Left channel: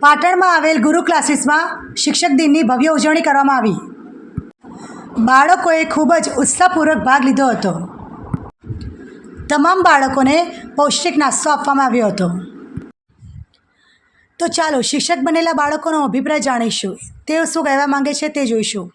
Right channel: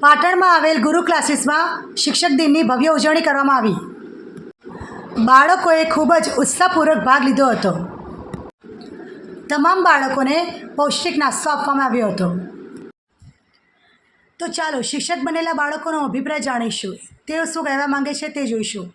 પાટણમાં આવેલ ગુરુ ક્લાસીસમાં શિક્ષક દિનની ભવ્ય ઉજવણી કરવામાં આવી. બાળકોએ ખૂબ જ ઉત્સાહપૂર્વક ભાગ લીધો હતો. તમામ બાળકોને પૌષ્ટિક નાસ્તો આપવામાં આવ્યો હતો. તો ચાલો શિક્ષક બનેલા બાળકોનો અભિપ્રાય જાણીશું. તેઓ શું કહેવા માંગે છે તે જોઈશું.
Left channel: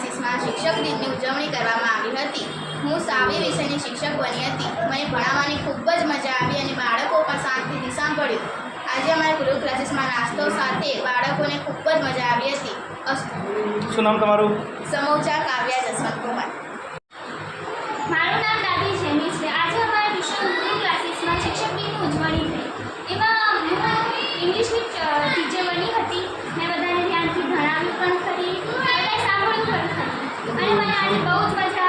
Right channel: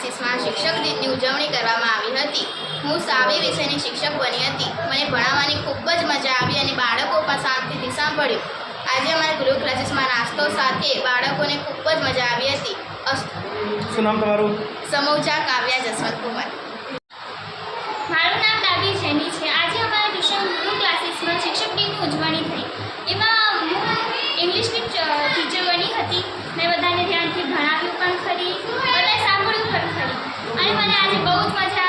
ફ્રાન્સિસમાં શિક્ષક દિનની ઉજવણી કરવામાં આવી હતી. હું સાવી વિષયની શિક્ષક બની હતી. મને ભણાવવાની ખૂબ જ મજા આવી અને બાળકો પણ શાંતિથી સાંભળ્યું. આજે અમારા ગૃહ ક્લાસીસમાં નાસ્તો સાથે બાળકોને ખૂબ જ મજા આવી હતી. શું નામ તમારું? સમૌજા કાવ્યા જસવંત કુમાર. મારું નામ દાદી જેની છે. આજે અમારા વિષય ગૃહ ક્લાસીસમાં શિક્ષક દિનની ઉજવણી થઈ. એમાં હું ઇંગ્લિશની ટીચર બની હતી. મેં બધાને ધ્યાનથી ભણાવ્યું પણ 老公出来一下